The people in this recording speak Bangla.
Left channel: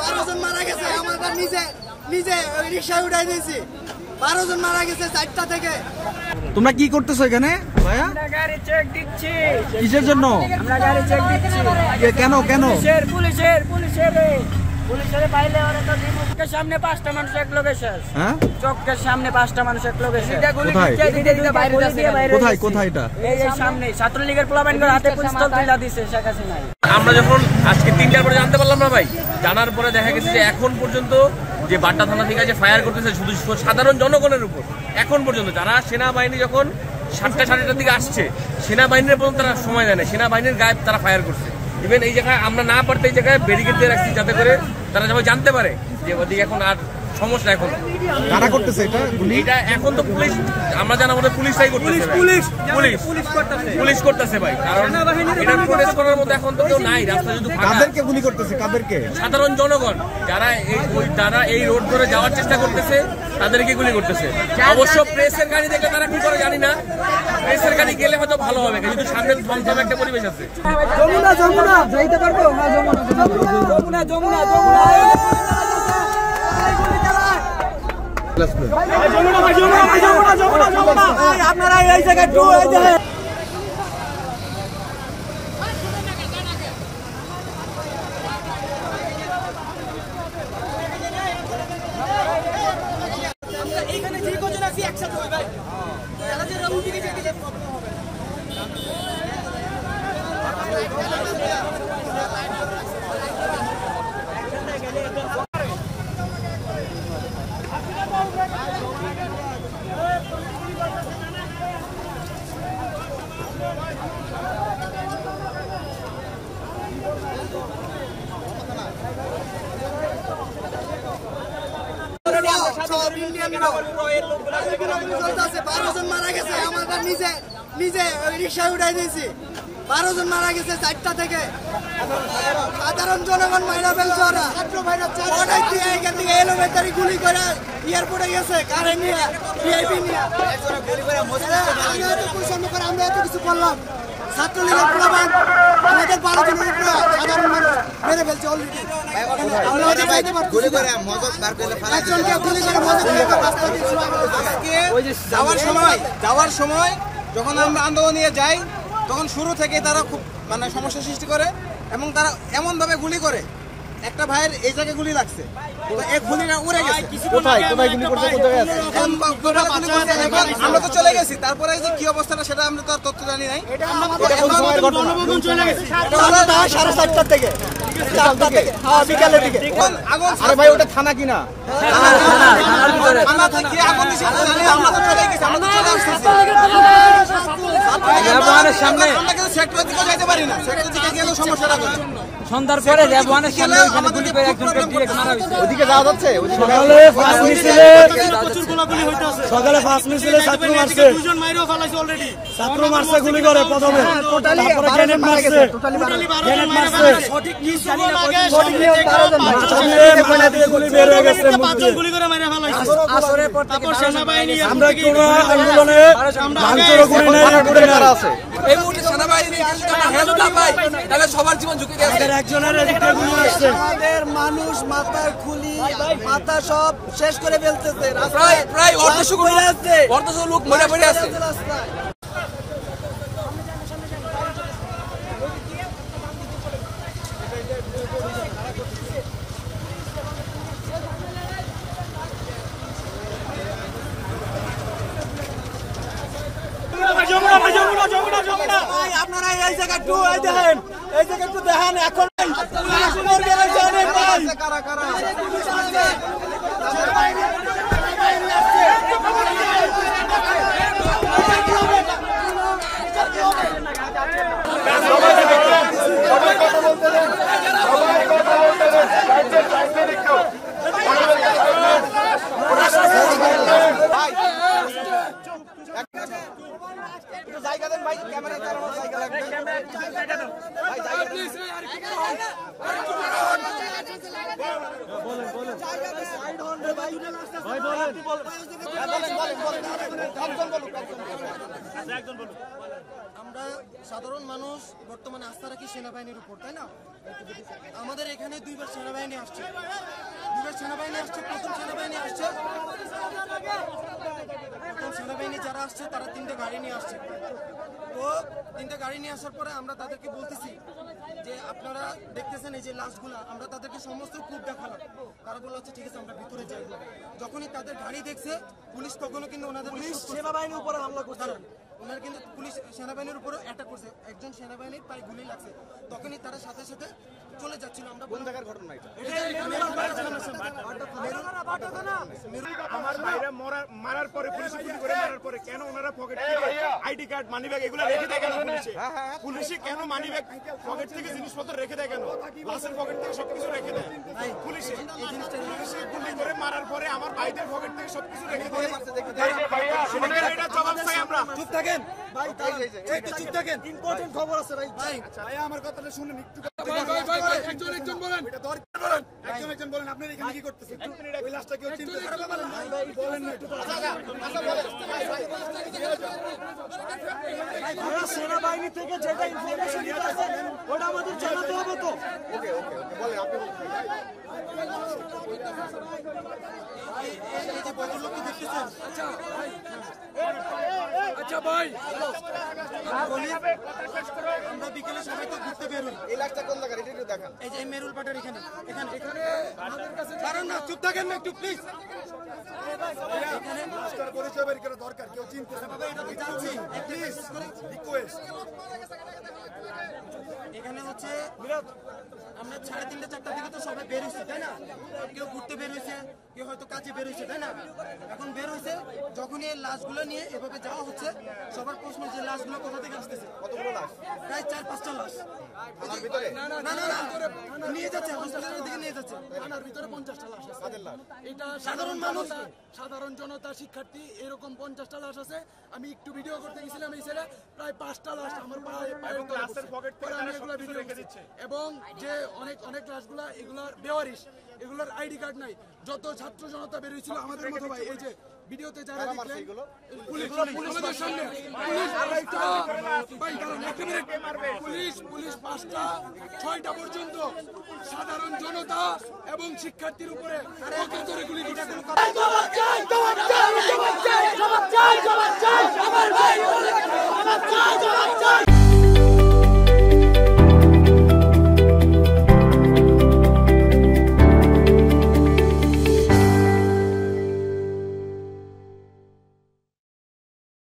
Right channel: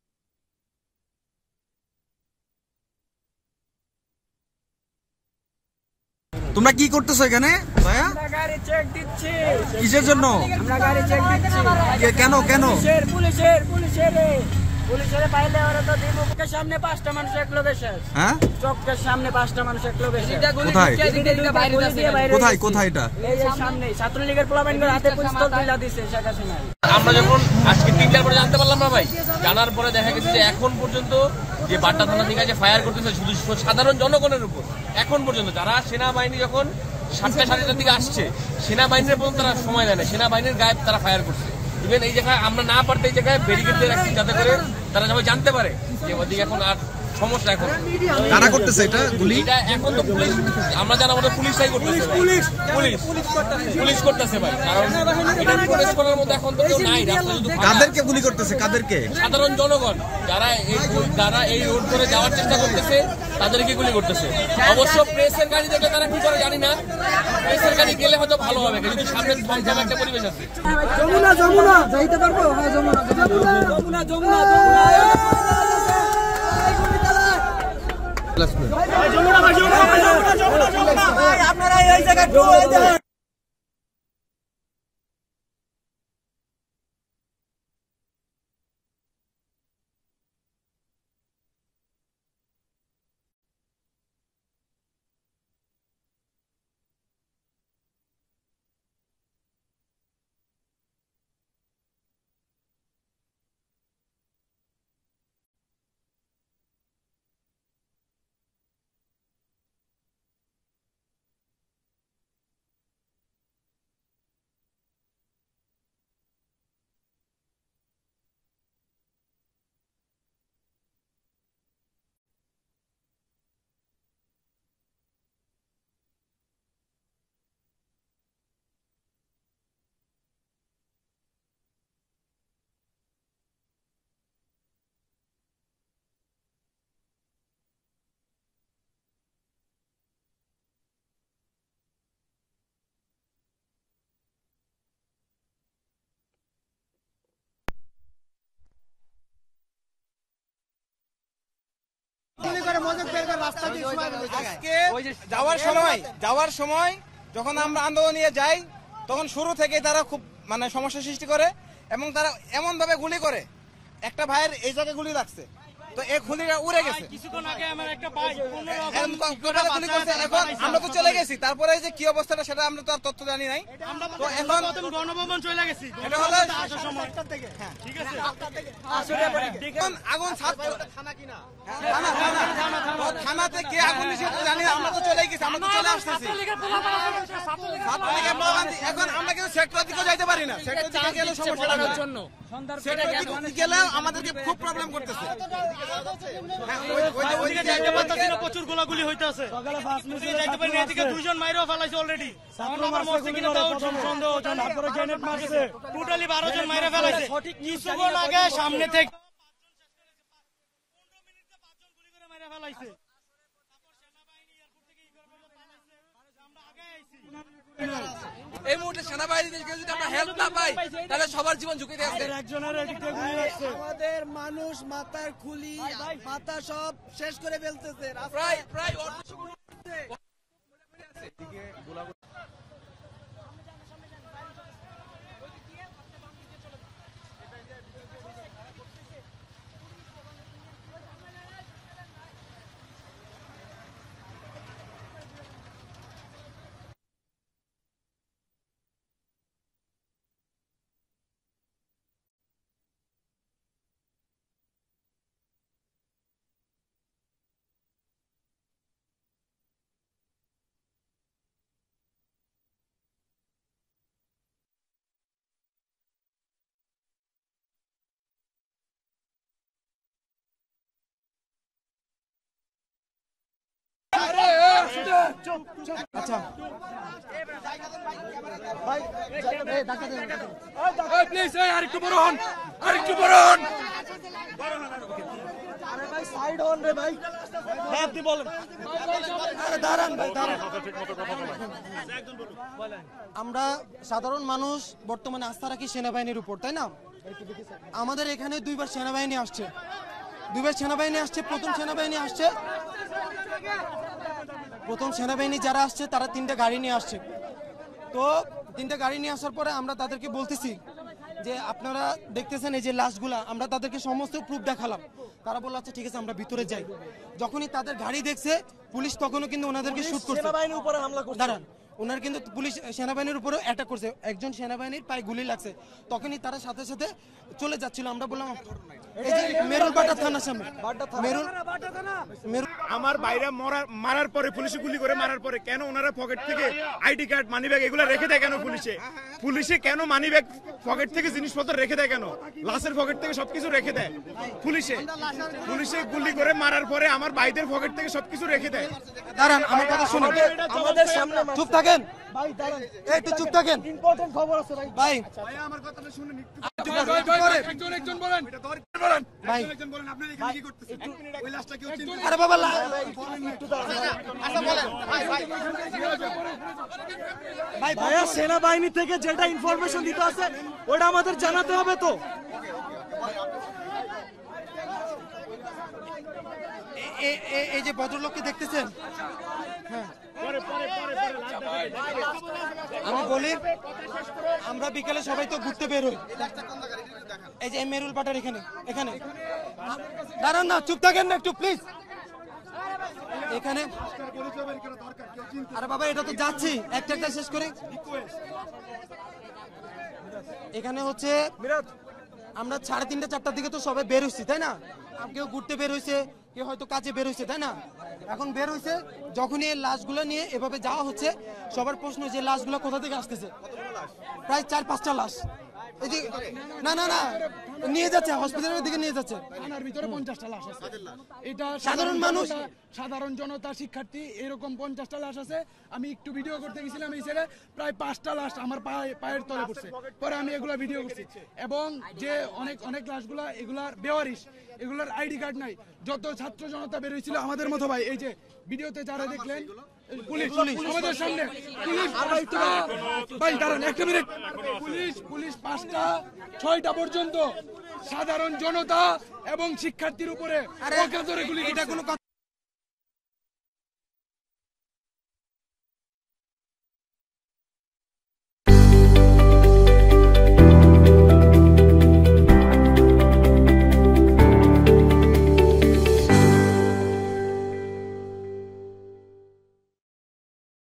12 জন মারা গেছে। আমরা নিজে রিকশা উঠাই দিয়েছি। 12 জন মারা গেছে 4টা থেকে। তোমরা কি করতেছো এখানে ভাইয়া? আমরা গাড়ি চেক দিচ্ছি। কিসের জন্য? আমরা গাড়ি চেক দিচ্ছি। কেন কেন? পুলিশের পাইলে ওরা তো চোখের সামনে 5টা মানুষ এক লোক এসে। হ্যাঁ, চোখের সামনে 5টা মানুষ এক লোক এসে। কোথায় কোথায় কোথায় এটা? এই সামনে ছাত্রলীগের পোলাপাইনদের হাতে পিস্তল তুলে দিছে শেখ হাসিনা। আমরা যখন আজকে 3টার পরে জানতে পারলাম না ভাই, জানার পরে দেখা গেছে যে এখন পর্যন্ত যে বাড্ডা থানা থেকে যে ফায়ার করতেছে শুধু সাধারণ জনগণের উপর, এখন পর্যন্ত যারা সেনাবাহিনী যখন 7টা 7:30টার দিকে আসছে সেনাবাহিনীর পর্যন্ত তারা সময় দেয় না, সেনাবাহিনীর গায়ে তারা ফায়ার করছে। ইভেন এই জায়গায় আমরা না পারতে এই জায়গায় ব্যারিকেড দিয়ে রাখছি যাতে করে তারা সবাই জানতে পারে যে ওদিকে এখন আর সমস্যা। এখন কারা করতেছে এটা গুলি? এটা এখন তো পুলিশ, আমরা জানা মতো পুলিশটাই করতেছে ভাই, পুলিশ করতেছে ভাই, কারণ এটা প্রোটেস্ট করার মতো এখন তো কেউ নাই রাস্তা। যদি কাদেরকে গুলি করতেছে? কাদেরকে? সাধারণ জনগণ যারা এই রোড ধরে যাওয়ার চেষ্টা করতেছে তাদেরকে গুলি করতেছে। অবশ্য প্রেসের গাড়ি দেখলে তারা কি করে জানি না, প্রেসের গাড়ি গেলে হয়তো ভালো হবে, কিন্তু সামনে থমথম একটা পরিবেশ আছে। যমুনা যাইতে পারবো? হ্যাঁ যমুনা আপনারা এই জায়গায় নিজে রিকশা উঠাই দিয়েছি। 12 জন মারা গেছে 4টা থেকে। সাধারণ জনগণ মাইরা ফেলছে ওরা। এখান থেকে এলোমেটারি গুলি করে এয়ারপোর্টে গেছে কারে নিয়ে, ভিআইপি নিয়ে। আমরা এত কিছু করলাম, ছাত্রলীগের প্রমাণ আমাদের 12 জনের উপরে সাধারণ মানুষ মেরে ফেলছে অলরেডি। যাওয়ার সময় যখন আমরা আন্দোলন নিয়ে যাই তখন শুরু থেকে তারা খুব সমস্যা সৃষ্টি করে এবং তারা এমন ভাবে গুলি করে। একটা ভাইয়ের এই জায়গায় গুলি লাগছে, এক গুলিটা উড়ে গেছে। আমরা তো চলে গেছি, তারপরে যে কি অবস্থাটা সেটা আমরা তো আর তথ্য জানি নাই। সাড়ে 4টার থেকে বিকালের দিকে আরে ভাই ওটা থানা কিনা? থানা থেকে আগুন দিছে আমরা তো চলে গেছি, আমরা তো চলে আসতেছি। সামনে সেক্টর থেকে যেতে পারি না, সেক্টর থেকে গেলে সমস্যাটা হবে। সন্ধ্যার পরে রেবওয়ানের সামনে ওইখানে গুলি করে একজনকে ডিরেক্ট মারা হয়েছে। ওদিকে যাওয়া যাচ্ছে? সকালে ফার্স্ট মিছিলে ছাত্র মারছে, ছাত্র মারছে গুলি করে প্রথমে, তারপরে গ্রেনেড মারছে, গুলি বের হয়ে গেছে। আমরা কোন আন্দোলনে ভাঙচুর করি নাই, আছে এই মুহূর্তে সেনাবাহিনী সবার জীবন ঝুঁকি দিয়ে আছে। একজনের গুলি লাগছে। আমাদের মানুষ মাথার খুলি মাথা সব শেষ করে ফেলতেছে। প্রায় অর্ধশো লোক মরে পড়ে আছে। আপনারা এই জায়গা একটু দেখেন, এই জায়গা একটু দেখেন। এখন আরেকটু বড় হন। আমরা সাধারণ মানুষ বর্তমানে আস্থা রাখি সেনাবাহিনীর উপর, তাই না? আমাদের এখানে দুইবার সেনাবাহিনী আসছে, প্রথম সেনাবাহিনী যারা আসছে তারা 3টা গাড়ি নিয়ে আসছে। তো 3টা গাড়ি নিয়ে আসার পরে আমরা তাদেরকে বলতেছি যে আপনারা দেখতেছেন এই যে লাশগুলা, আমরা তাদেরকে সমস্ত প্রুফ দেখালাম। তারা বলল আচ্ছা ঠিক আছে আমরা ভিতরে যাই। যখনই তাদের গাড়ি দেখছে পুলিশ তখনও কিন্তু ওনাদেরকে শুট করছে, সেনাবাহিনীর উপরে হামলা করছে। দাঁড়ান, ওনার কিন্তু পুলিশ সেনাবাহিনীর উপরেও অ্যাটাক করছে, একজন সেনাবাহিনীর পায়ে গুলি লাগছে। তখনই তারা সাথে সাথে চলে যাচ্ছিল। আমরা বললাম মেরুলবাটা থানার সামনে, আমার ভাইরা মারার পরে পুলিশে গুলি করে মারার পরে কেন ওনারা পকেট থেকে আইডি কার্ড মানিব্যাগ এগুলো রেখে দেয় কেন? পুলিশে কেন মানিব্যাগ পকেট থেকে জিনিসপত্র রেখে দেয় কেন? লাশের পকেট থেকে সবকিছু রেখে দেয় পুলিশে গুলি করে মারার পরে আমার ভাইদের পকেট থেকে সবকিছু রেখে দেয়। দাঁড়ান, আমার কথা শুনুন, আমাদের সামনে চুপ থাকেন ভাই, দাঁড়ান একটু চুপ থাকেন, ইম্পর্টেন্ট খবর আছে ভাই। ভাই আমার কথাটা শুনুন একটু, একজন বলেন আপনি এখানে কি করতেছেন? ওই লাশটা কেউ চিনতে? আরে বাবা বলেন একটু, ভাইয়া সেনাবাহিনী থেকে যেটা ইনফরমেশন দিতে আছে ওটা আমাদের জানাতে হবে তো। এই যে ভদ্রলোককে দেখতেছেন, আমরা বিকেলে সবাই তো ঘুরতে বের হই। এই যে মেরুল পাটার এখানে দাঁড়ান না, চুপ থাকেন না একটু প্লিজ। এখানে আরে বাবা এটা তো যাচ্ছি, একটা শেষ করি। এখানে হচ্ছে আমরা 3:30 4টার দিকে তো সবাই বের হয়েছি, তাই না? কেউ ঘুরতে বের হয়েছে, কেউ হয়তো কাজে বের হয়েছে, তাই না? এখন বের হয়েছে, যখনই এই লাশগুলো নিয়ে এভাবে যাওয়া হচ্ছে, সবার প্রশ্ন যে লাশগুলো কোথা থেকে আসতেছে। প্রায় 4-5টা লাশ না না না নিয়ে যাচ্ছে, হসপিটালের দিকে নিয়ে যাচ্ছে। ভিতরে 50টা লাশ আছে। এটা সাধারণ মানুষ, সাধারণ জনতা, শিক্ষার্থী, এরকম 50টা লাশ আছে। আমি একটু ভিডিও করতে গেছিলাম, এই ছেলে প্রায় 5টা লাশ আমার পায়ের তলে পড়ছে, পরে আমি এগুলা ভিডিও করছি। এবং যে অনেক লাশগুলা এগুলার বেওয়ারিশ, এগুলার আইডি কার্ড নাই। যত ছাত্র জনতা বের হয়েছিল আমাদের মতো ভাই, এই যে ভিডিওতে যারা দেখলেন, পুলিশ আমাদের সামনে, ভাই দাঁড়ান একটা মিনিট, পুলিশ 5টা 6টা পর্যন্ত সাধারণ জনতা এবং শিক্ষার্থীর উপরে গুলি। এটা কোনো কথা